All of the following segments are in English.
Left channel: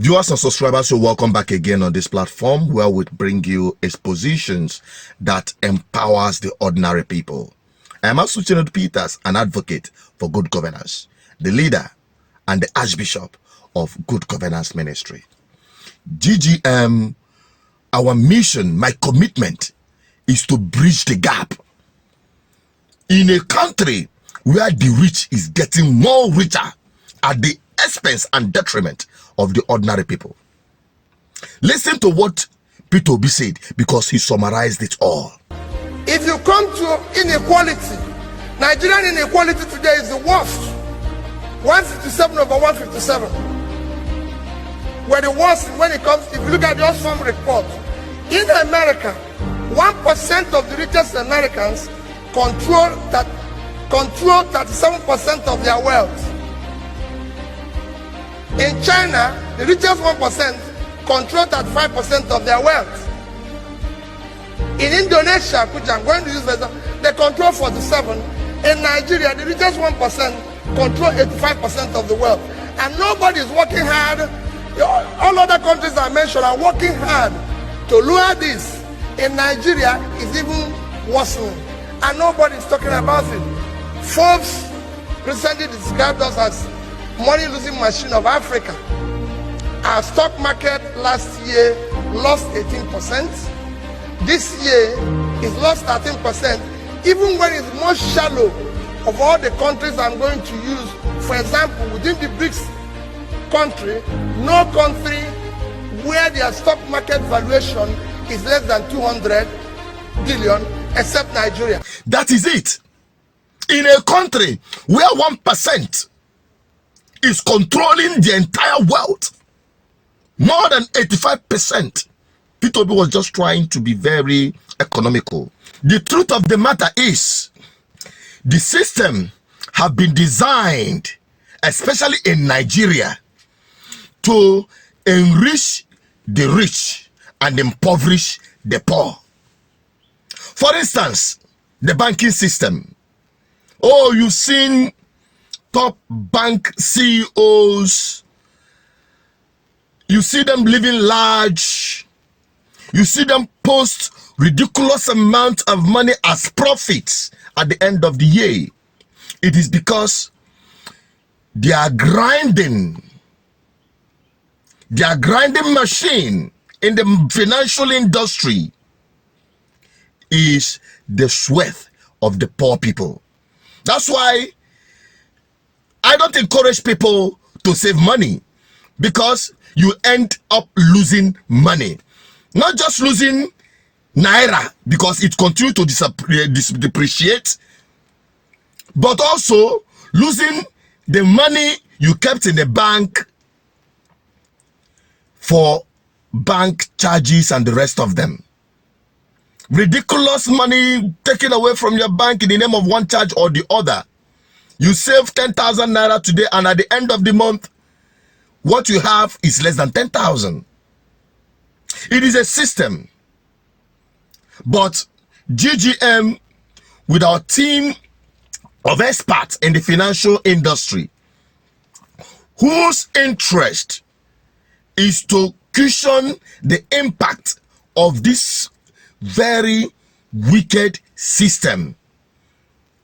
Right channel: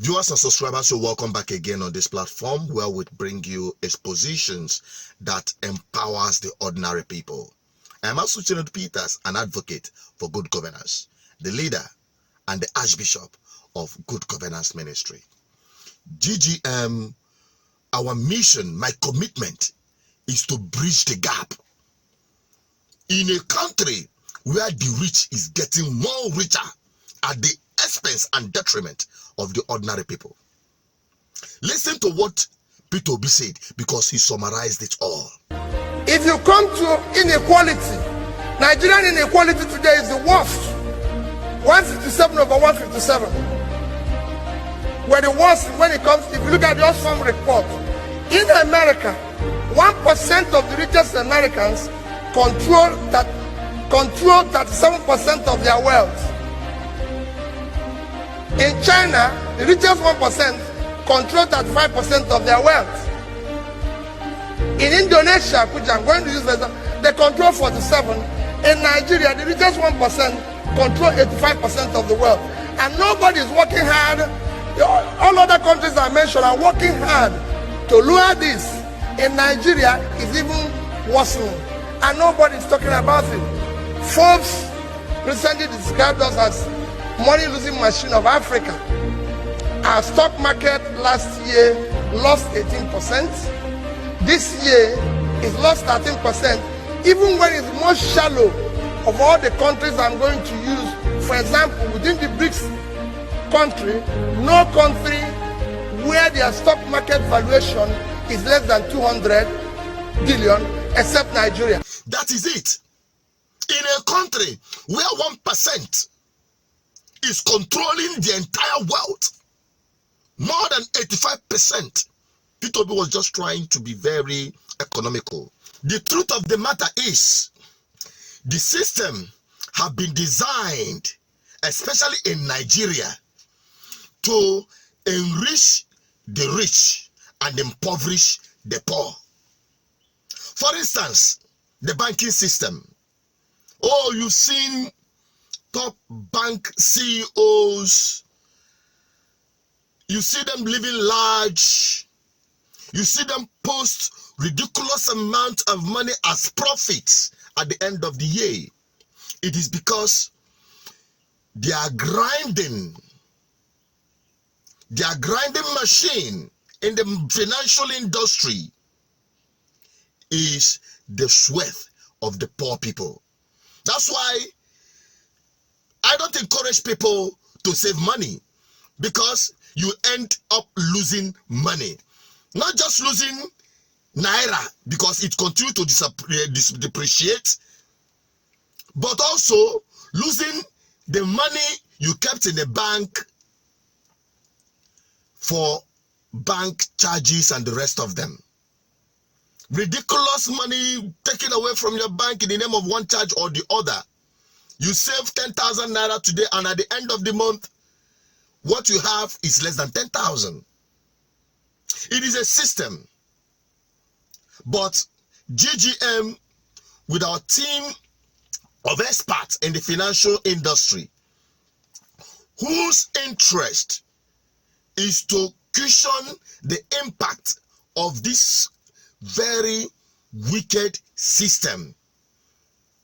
Viewers and subscribers, you're welcome back again on this platform where we bring you expositions that empowers the ordinary people. I am Asuchinod Peters, an advocate for good governance, the leader and the Archbishop of Good Governance Ministry. GGM, our mission, my commitment is to bridge the gap in a country where the rich is getting more richer at the expense and detriment of the ordinary people. Listen to what Peter Obi said because he summarized it all. If you come to inequality, Nigerian inequality today is the worst. 157 over 157. We're the worst when it comes, if you look at the Oxfam report, in America, 1% of the richest Americans control 37% of their wealth. In China, the richest 1% control 35% of their wealth. In Indonesia, which I'm going to use for example, they control 47%. In Nigeria, the richest 1% control 85% of the wealth. And nobody is working hard. All other countries I mentioned are working hard to lower this. In Nigeria, it's even worsening. And nobody is talking about it. Forbes recently described us as money-losing machine of Africa. Our stock market last year lost 18%. This year is lost 13%, even when it's most shallow of all the countries I'm going to use. For example, within the BRICS country, no country where their stock market valuation is less than 200 billion except Nigeria. That is it. In a country where 1% is controlling the entire wealth, more than 85%. Peter Obi was just trying to be very economical. The truth of the matter is, the system have been designed, especially in Nigeria, to enrich the rich and impoverish the poor. For instance, the banking system. Oh, you've seen top bank CEOs. You see them living large. You see them post ridiculous amount of money as profits at the end of the year. It is because they are grinding. Their grinding machine in the financial industry is the sweat of the poor people. That's why I don't encourage people to save money, because you end up losing money. Not just losing Naira because it continues to depreciate, but also losing the money you kept in the bank for bank charges and the rest of them. Ridiculous money taken away from your bank in the name of one charge or the other. You save 10,000 Naira today, and at the end of the month, what you have is less than 10,000. It is a system. But GGM, with our team of experts in the financial industry, whose interest is to cushion the impact of this very wicked system,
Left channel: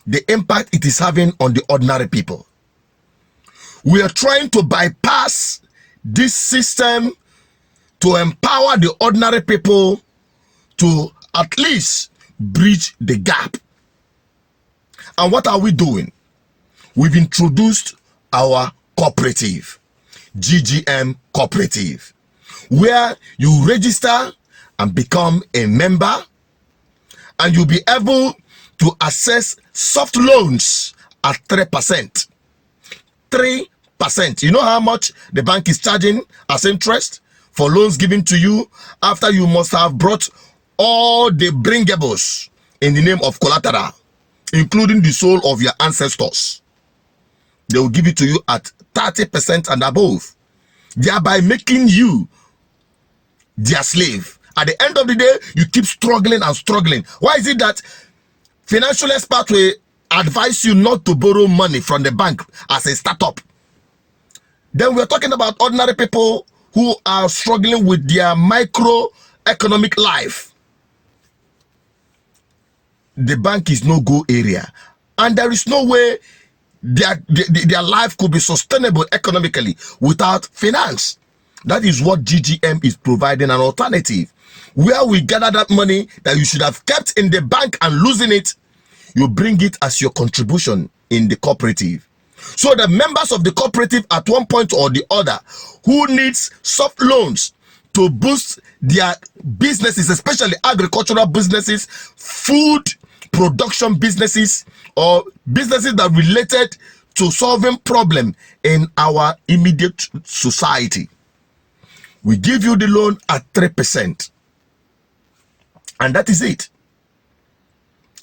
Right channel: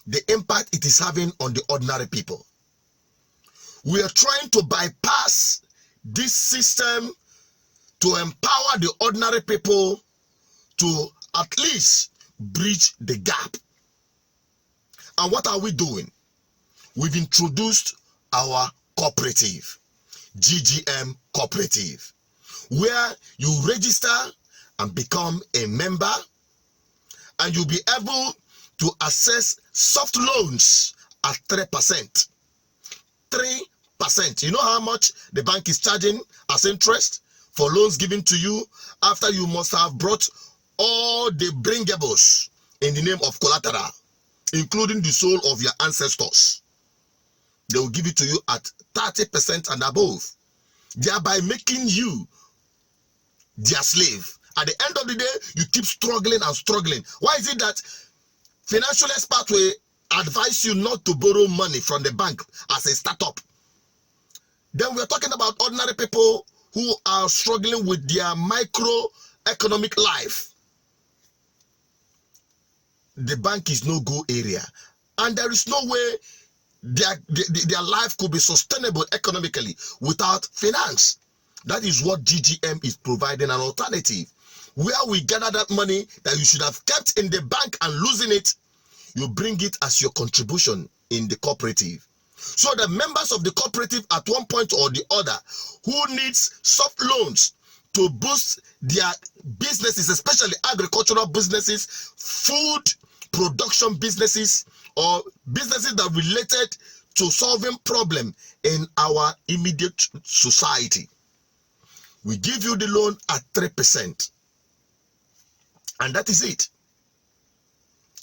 the impact it is having on the ordinary people. We are trying to bypass this system to empower the ordinary people to at least bridge the gap. And what are we doing? We've introduced our cooperative, GGM Cooperative, where you register and become a member, and you'll be able to access soft loans at 3%. 3%. You know how much the bank is charging as interest for loans given to you after you must have brought all the bringables in the name of collateral, including the soul of your ancestors. They will give it to you at 30% and above, thereby making you their slave. At the end of the day, you keep struggling and struggling. Why is it that financial experts will advise you not to borrow money from the bank as a startup? Then we're talking about ordinary people who are struggling with their microeconomic life. The bank is no go area, and there is no way their life could be sustainable economically without finance. That is what GGM is providing, an alternative where we gather that money that you should have kept in the bank and losing it, you bring it as your contribution in the cooperative. So the members of the cooperative at one point or the other who needs soft loans to boost their businesses, especially agricultural businesses, food production businesses, or businesses that are related to solving problem in our immediate society, we give you the loan at 3%. And that is it.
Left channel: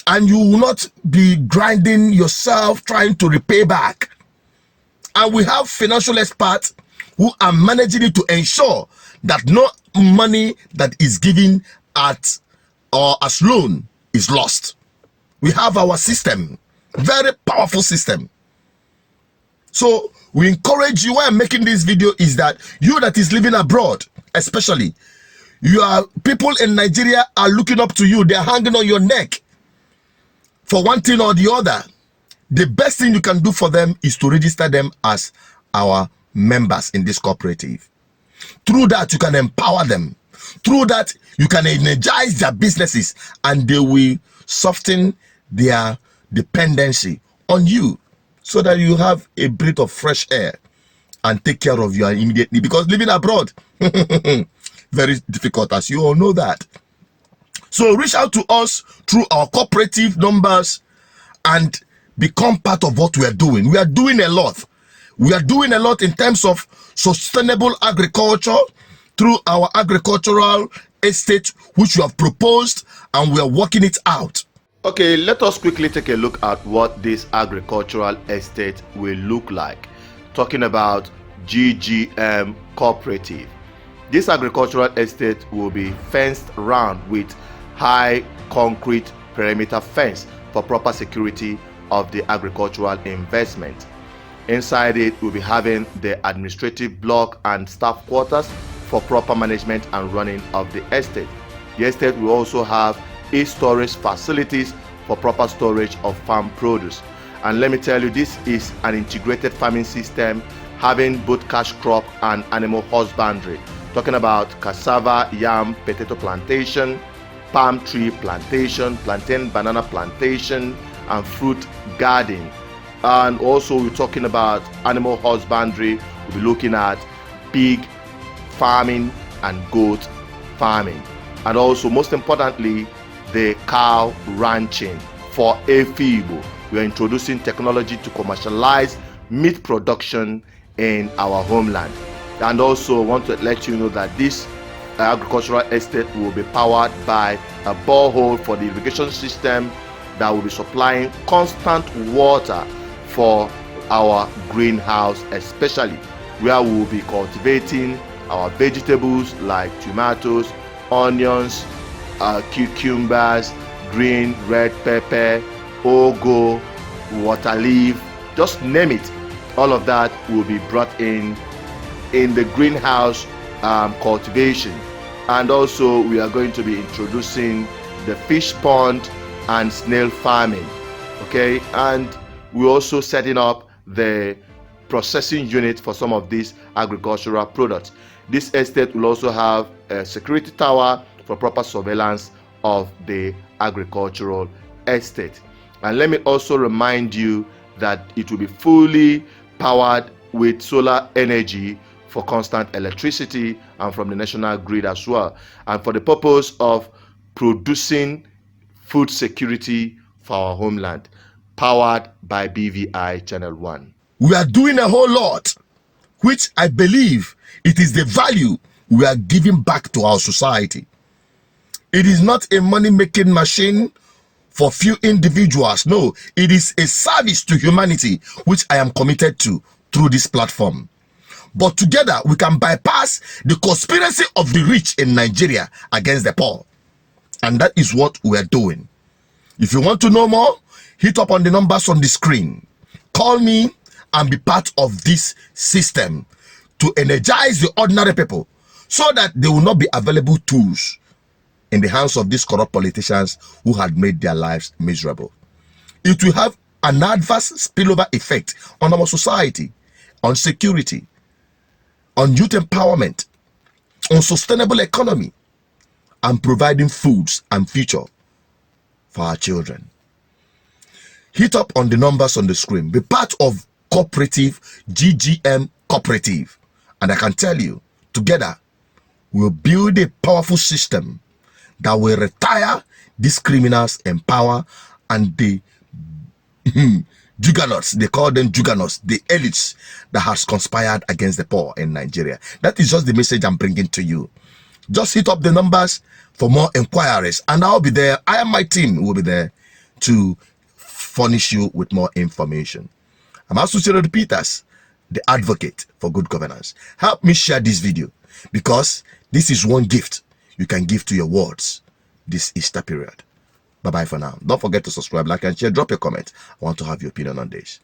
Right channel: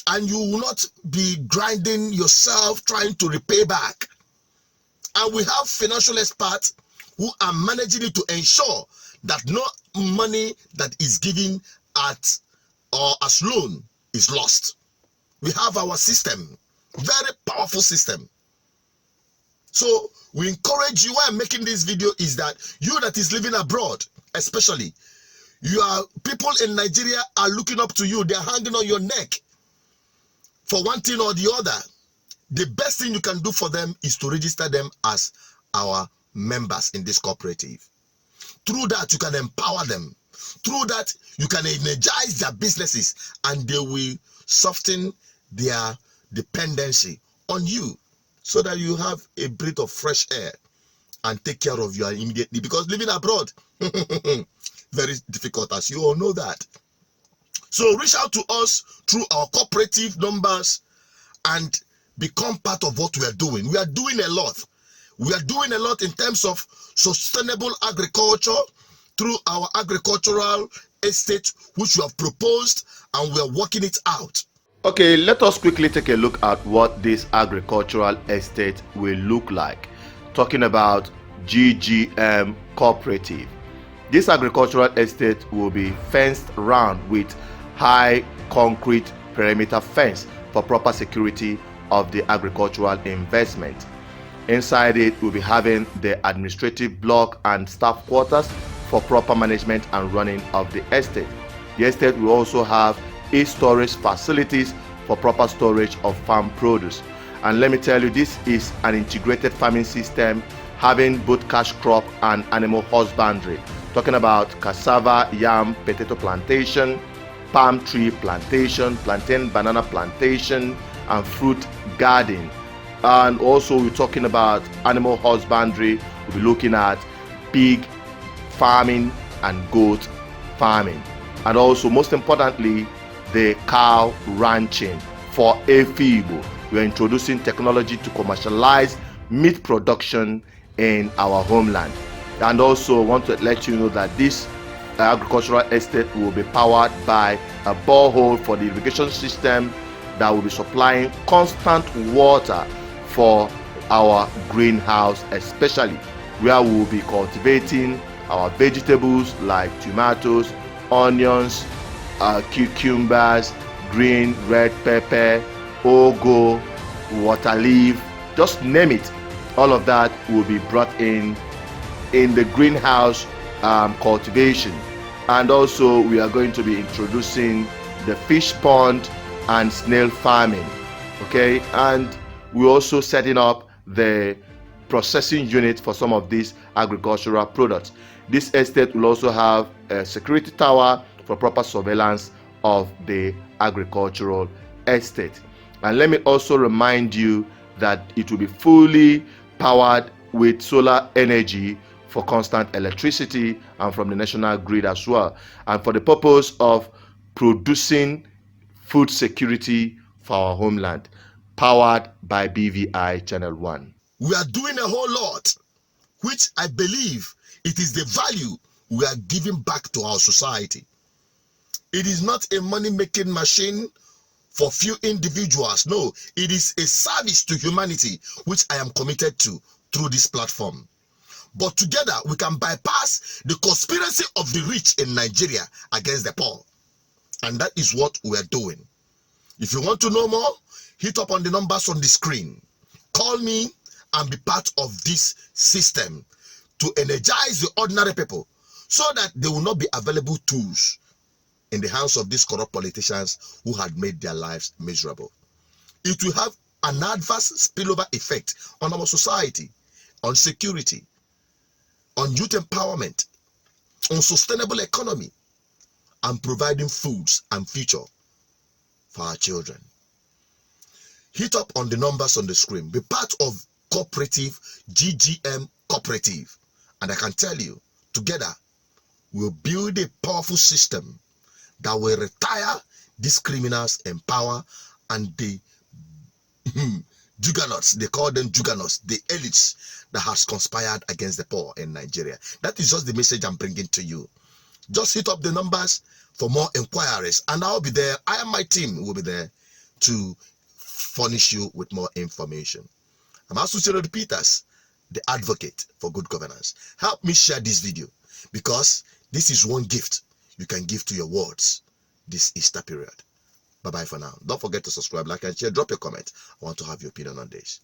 And you will not be grinding yourself trying to repay back. And we have financial experts who are managing it to ensure that no money that is given at or as loan is lost. We have our system, very powerful system. So we encourage you, why I'm making this video is that you that is living abroad, especially, people in Nigeria are looking up to you. They're hanging on your neck for one thing or the other. The best thing you can do for them is to register them as our members in this cooperative. Through that, you can empower them. Through that, you can energize their businesses, and they will soften their dependency on you, so that you have a breath of fresh air and take care of your immediate need. Because living abroad, very difficult, as you all know that. So reach out to us through our cooperative numbers and become part of what we are doing. We are doing a lot. We are doing a lot in terms of sustainable agriculture through our agricultural estate, which we have proposed, and we are working it out. Okay, let us quickly take a look at what this agricultural estate will look like. Talking about GGM Cooperative. This agricultural estate will be fenced round with high concrete perimeter fence for proper security of the agricultural investment. Inside it, we'll be having the administrative block and staff quarters for proper management and running of the estate. The estate will also have storage facilities for proper storage of farm produce. And let me tell you, this is an integrated farming system having both cash crop and animal husbandry. Talking about cassava, yam, potato plantation, palm tree plantation, plantain, banana plantation, and fruit garden. And also we're talking about animal husbandry. We'll be looking at pig farming and goat farming. And also, most importantly, the cow ranching for Efibo. We are introducing technology to commercialize meat production in our homeland. And also want to let you know that this agricultural estate will be powered by a borehole for the irrigation system that will be supplying constant water for our greenhouse, especially where we will be cultivating our vegetables like tomatoes, onions, cucumbers, green, red pepper, ugu, water leaf, just name it. All of that will be brought in the greenhouse cultivation. And also we are going to be introducing the fish pond and snail farming. Okay, and we're also setting up the processing unit for some of these agricultural products. This estate will also have a security tower for proper surveillance of the agricultural estate. And let me also remind you that it will be fully powered with solar energy for constant electricity and from the national grid as well, and for the purpose of producing food security for our homeland, powered by BVI Channel 1. We are doing a whole lot, which I believe it is the value we are giving back to our society. It is not a money-making machine for few individuals. No, it is a service to humanity, which I am committed to through this platform. But together, we can bypass the conspiracy of the rich in Nigeria against the poor. And that is what we are doing. If you want to know more, hit up on the numbers on the screen. Call me and be part of this system to energize the ordinary people so that they will not be available tools in the hands of these corrupt politicians who had made their lives miserable. It will have an adverse spillover effect on our society, on security, on youth empowerment, on sustainable economy, and providing foods and future for our children. Hit up on the numbers on the screen. Be part of cooperative, GGM cooperative. And I can tell you, together, we'll build a powerful system that will retire these criminals in power and the juggernauts, they call them juggernauts, the elites that has conspired against the poor in Nigeria. That is just the message I'm bringing to you. Just hit up the numbers for more inquiries, and I'll be there. I and my team will be there to furnish you with more information. I'm Associated Peters, the advocate for good governance. Help me share this video, because this is one gift you can give to your wards this Easter period. Bye-bye for now. Don't forget to subscribe, like, and share. Drop your comment. I want to have your opinion on this.